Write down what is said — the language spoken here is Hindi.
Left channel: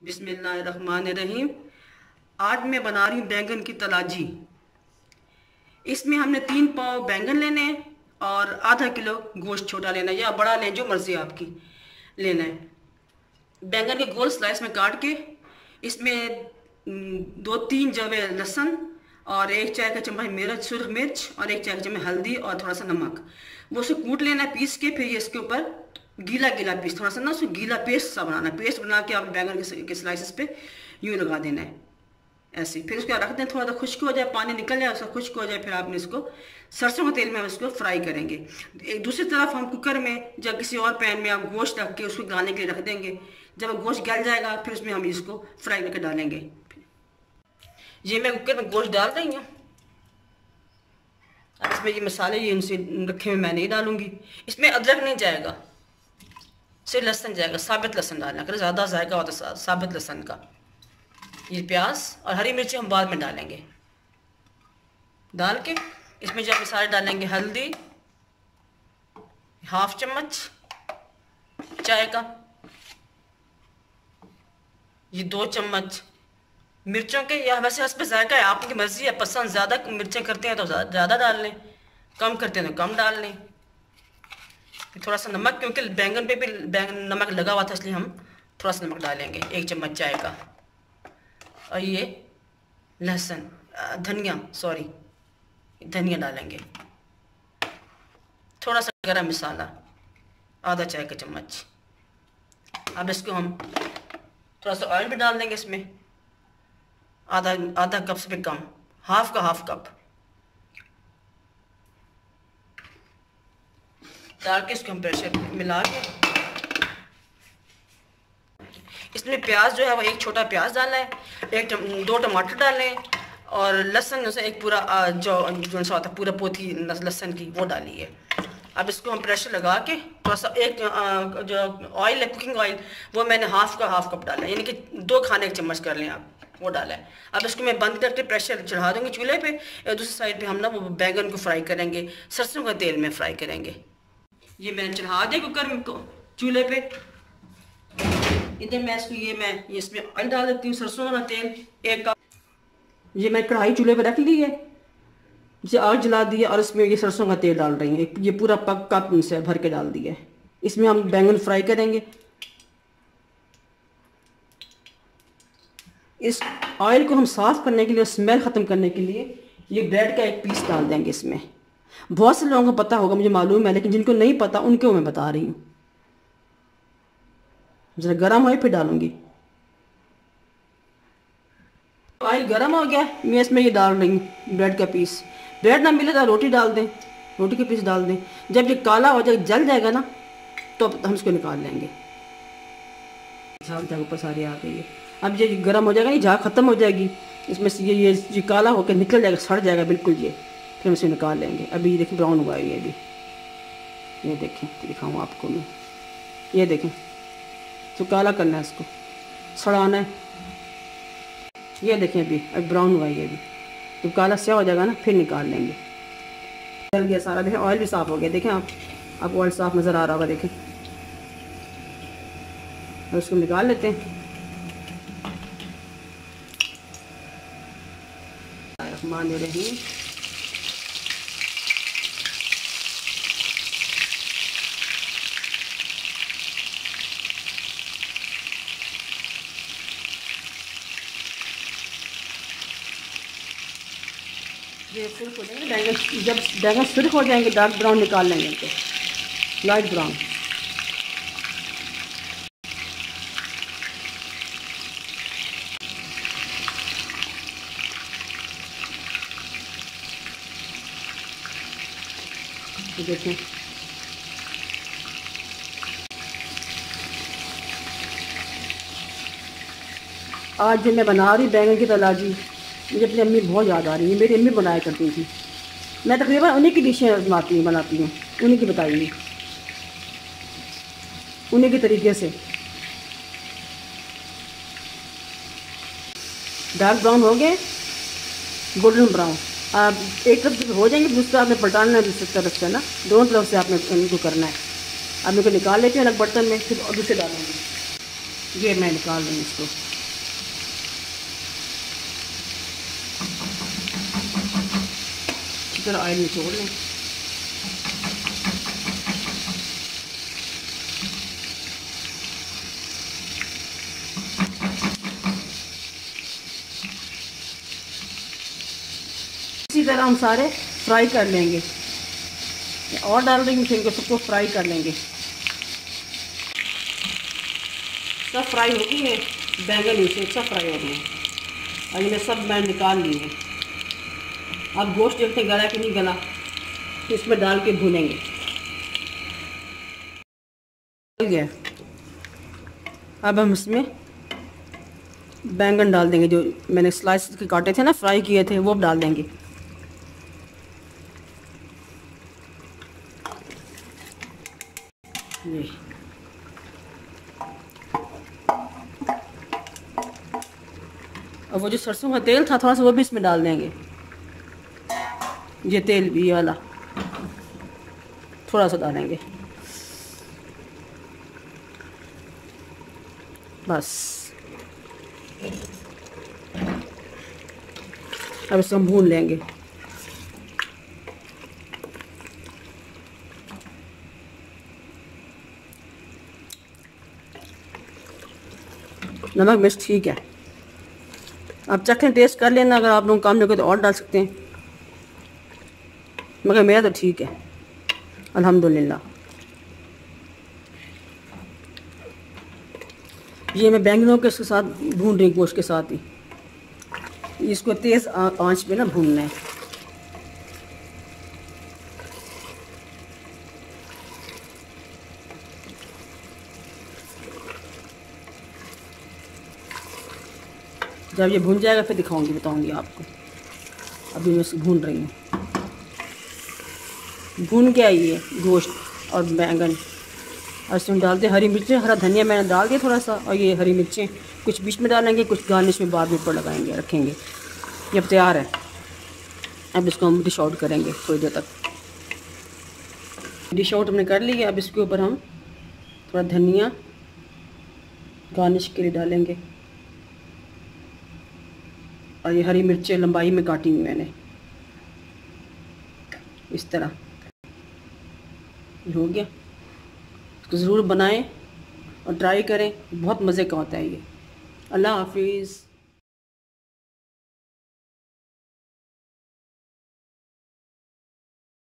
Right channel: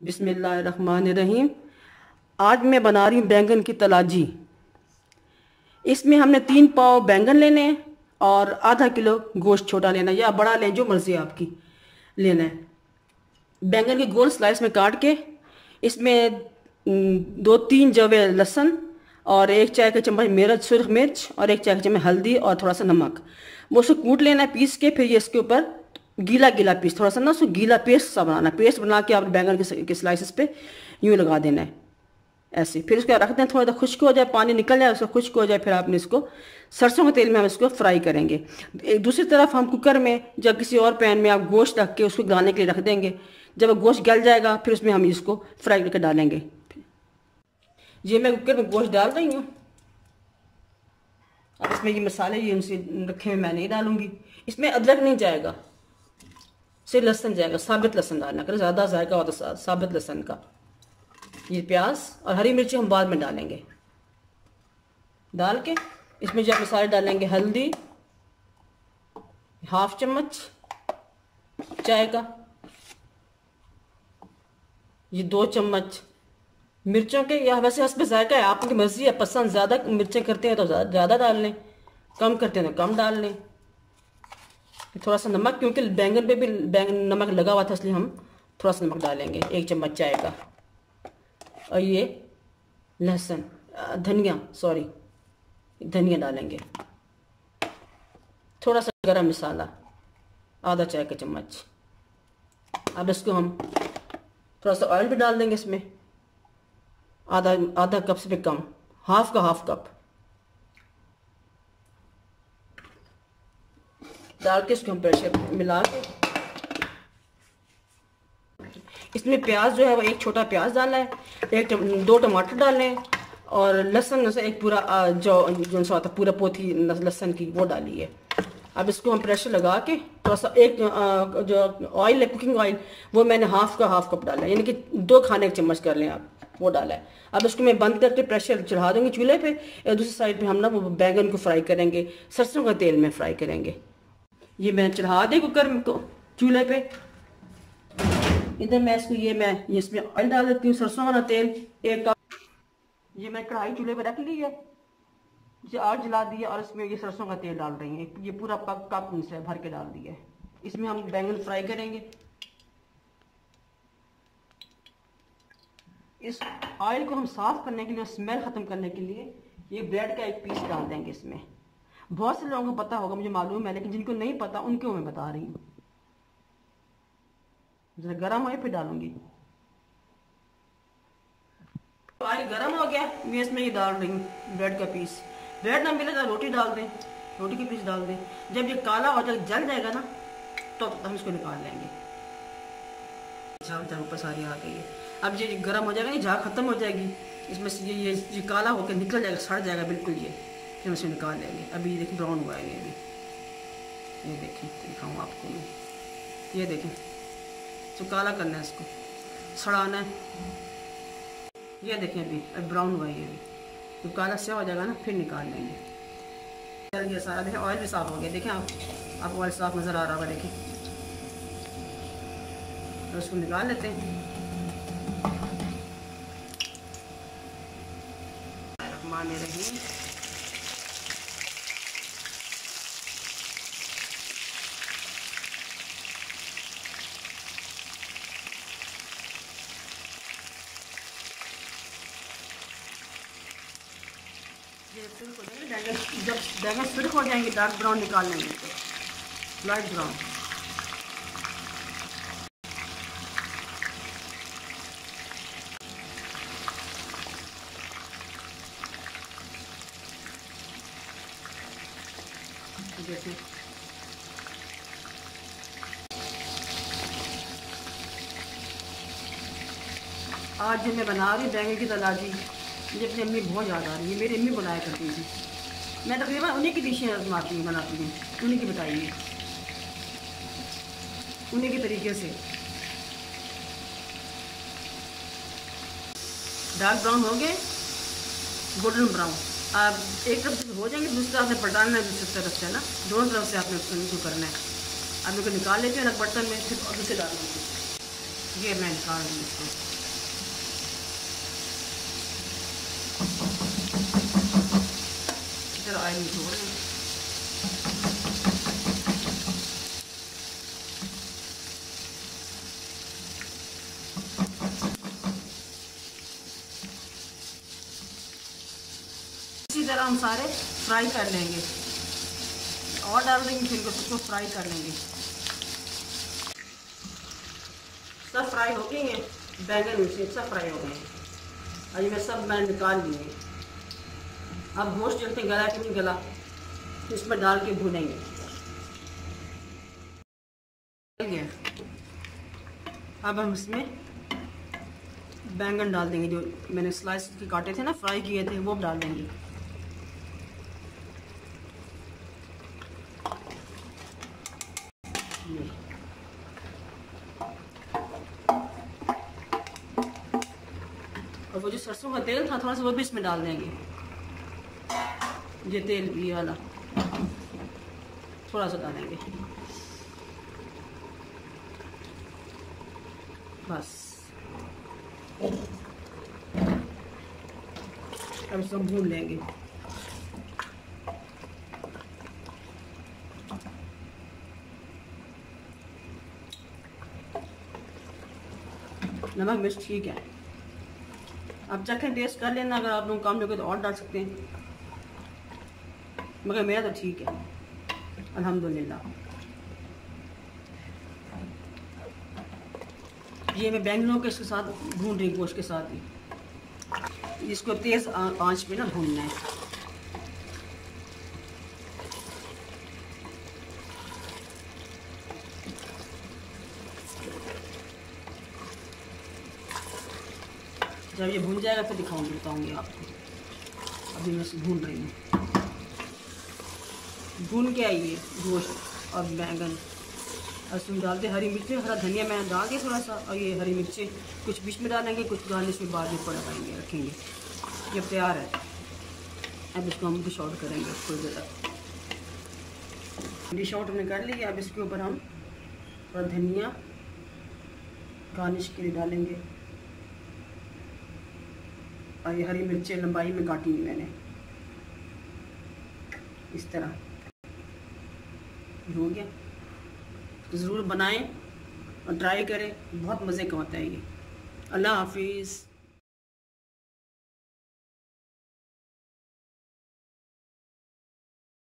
बिस्मिल्लाहिर्रहमानिर्रहीम। आज मैं बना रही हूँ बैंगन की तलाजी। इसमें हमने 3 पाव बैंगन लेने हैं और आधा किलो गोश्त छोटा लेना है या बड़ा लें, जो मर्जी आपकी लेना है। बैंगन के गोल स्लाइस में काट के इसमें 2-3 जवे लहसुन और 1 चाय का चम्मच मिर्च, सुरख मिर्च और 1 चाय का चम्मच हल्दी और थोड़ा सा नमक, वो उसको कूट लेना है पीस के। फिर ये इसके ऊपर गीला गीला पीस, थोड़ा सा ना उसको गीला पेस्ट सा बनाना है। पेस्ट बना के आप बैंगन के स्लाइसेस पे यूँ लगा देना है ऐसे। फिर उसको रखते हैं, थोड़ा सा खुश्क हो जाए, पानी निकल जाए, उसका खुश्क हो जाए। फिर आपने इसको सरसों के तेल में हम इसको फ्राई करेंगे। एक दूसरी तरफ हम कुकर में या किसी और पैन में आप गोश्त रख के उसको गलाने के लिए रख देंगे। जब गोश्त गल जाएगा फिर उसमें हम इसको फ्राई करके डालेंगे। ये मैं कुकर में गोश्त डाल रही हूँ। अब इसमें ये मसाले ये उनसे रखे हुए मैं नहीं डालूंगी। इसमें अदरक नहीं जाएगा, सिर्फ लहसुन जाएगा। साबित लहसुन डालना, अगर ज़्यादा जाएगा हो तो साबित लहसुन का। ये प्याज और हरी मिर्ची हम बाद में डालेंगे। डाल के इसमें जो मसाले डालेंगे, हल्दी 1/2 चम्मच चाय का, ये 2 चम्मच मिर्चों के, या वैसे हस्ब जायका है, आपकी मर्जी है। पसंद ज़्यादा मिर्चें करते हैं तो ज़्यादा डाल लें, कम करते हैं तो कम डाल लें। फिर थोड़ा सा नमक, क्योंकि बैंगन पे भी नमक लगा हुआ था, इसलिए हम थोड़ा सा नमक डालेंगे, 1 चम्मच चाय का। और ये लहसुन धनिया डालेंगे। थोड़ा सा गरम मसाला आधा चाय का चम्मच। अब इसको हम थोड़ा सा ऑयल भी डाल देंगे इसमें, आधा कप से भी कम, हाफ कप डाल के इसको हम प्रेशर मिला के इसमें प्याज जो है वो 1 छोटा प्याज डालना है, 2 टमाटर डालने हैं और लहसुन जैसे एक पूरा जो सा होता है पूरा पोथी लहसुन की, वो डाली है। अब इसको हम प्रेशर लगा के थोड़ा सा जो ऑयल है, कुकिंग ऑयल, वो मैंने हाफ कप डाला है, यानी कि 2 खाने के चम्मच कर लें आप, वो डाला है। अब इसको मैं बंद करके प्रेशर चढ़ा दूँगी चूल्हे पे। और दूसरी साइड पे हम ना वो बैंगन को फ्राई करेंगे, सरसों का तेल में फ्राई करेंगे। ये मैंने चढ़ा दिया कुकर में चूल्हे पे। इधर मैं इसमें ऑयल डाल देती हूँ, सरसों वाला तेल 1 कप। ये मैं कढ़ाई चूल्हे पे रख ली है, इसे आग जला दी है और इसमें ये सरसों का तेल डाल रही हूँ। ये पूरा कप से भर के डाल दिया है। इसमें हम बैंगन फ्राई करेंगे। इस ऑयल को हम साफ़ करने के लिए, स्मेल ख़त्म करने के लिए, ये ब्रेड का 1 पीस डाल देंगे इसमें। बहुत से लोगों को पता होगा, मुझे मालूम है, लेकिन जिनको नहीं पता उनको मैं बता रही हूँ। जरा गर्म हो फिर डालूंगी। ऑयल गर्म हो गया, मैं इसमें ये डाल रही हूँ ब्रेड का पीस। ब्रेड ना मिले तो रोटी डाल दें, रोटी के पीस डाल दें। जब ये काला हो जाएगा, जल जाएगा ना, तो हम इसको निकाल लेंगे। झाग ऊपर सारी आ गई है। अब ये गर्म हो जाएगा, ये झाग खत्म हो जाएगी, इसमें से ये काला होकर निकल जाएगा, सड़ जाएगा बिल्कुल ये। फिर हम इसे निकाल लेंगे। अभी ये देखिए ब्राउन हुआ है ये भी, ये देखें, दिखाऊँ आपको मैं, ये देखें। तो काला करना है, इसको सड़ाना है। ये देखें अभी ब्राउन हुआ है ये भी, तो काला स्या हो जाएगा ना, फिर निकाल लेंगे। चल गया सारा, देखें ऑयल भी साफ़ हो गया। देखें आप ऑयल साफ़ नज़र आ रहा होगा, देखें। और इसको निकाल लेते हैं। रही ये सुर्ख हो जाएंगे बैंगन। जब बैंगन सुर्ख हो जाएंगे, डार्क ब्राउन निकाल लेंगे इनको, लाइट ब्राउन। देखिए आज जो मैं बना रही बैंगन की तलाजी, मुझे अपनी अम्मी बहुत याद आ रही है। मेरी अम्मी बनाया करती थी। मैं तकरीबन उन्हीं की डिशें बनाती हूँ, उन्हीं की बताई हुई, उन्हीं के तरीके से। डार्क ब्राउन हो गए, गोल्डन ब्राउन। अब एक तरफ से हो जाएंगे, दूसरी तरफ आपने पलटाना है, दूसरी तरफ से ना, दोनों तरफ से आपने इनको करना है। अब इनको निकाल लेते हैं अलग बर्तन में, फिर दूसरे डालेंगे। ये मैं निकाल रही हूँ इसको। अच्छी तरह ऑयल निचोड़ लें। इसी तरह हम सारे फ्राई कर लेंगे और डाल देंगे, फिर सबको फ्राई कर लेंगे। सब फ्राई हो गई है, बैंगन इसमें अच्छा फ्राई हो गए हैं। और ये सब मैं निकाल लिए। अब गोश्त देखते गला कि नहीं गला, तो इसमें डाल के भूनेंगे। गया, अब हम इसमें बैंगन डाल देंगे, जो मैंने स्लाइस के काटे थे ना, फ्राई किए थे, वो अब डाल देंगे। ये और वो जो सरसों का तेल था थोड़ा सा, वो भी इसमें डाल देंगे। ये तेल भी वाला थोड़ा सा डालेंगे बस। अब इसको हम भून लेंगे। नमक मिर्च ठीक है, आप चखें, टेस्ट कर लेना। अगर आप लोग कम लगे तो और डाल सकते हैं, मगर मेरा तो ठीक है अल्हम्दुलिल्लाह। ये मैं बैंगनों के साथ भून रही, गोश्त के साथ ही। इसको तेज़ आंच पे ना भूनना है। जब ये भून जाएगा फिर दिखाऊंगी, बताऊंगी आपको। अभी मैं इसे भून रही हूँ। भून के आई है गोश्त और बैंगन, और इसमें डालते हरी मिर्चें, हरा धनिया मैंने डाल दिया थोड़ा सा, और ये हरी मिर्चें कुछ बीच में डालेंगे, कुछ गार्निश में बाद में ऊपर लगाएंगे, रखेंगे। ये अब तैयार है। अब इसको हम डिश आउट करेंगे थोड़ी देर तक। डिश आउट हमने कर ली है। अब इसके ऊपर हम थोड़ा धनिया गार्निश के लिए डालेंगे, और ये हरी मिर्चें लंबाई में काटी हुई मैंने, इस तरह हो गया। तो ज़रूर बनाएं और ट्राई करें, बहुत मज़े का होता है ये। अल्लाह हाफिज़।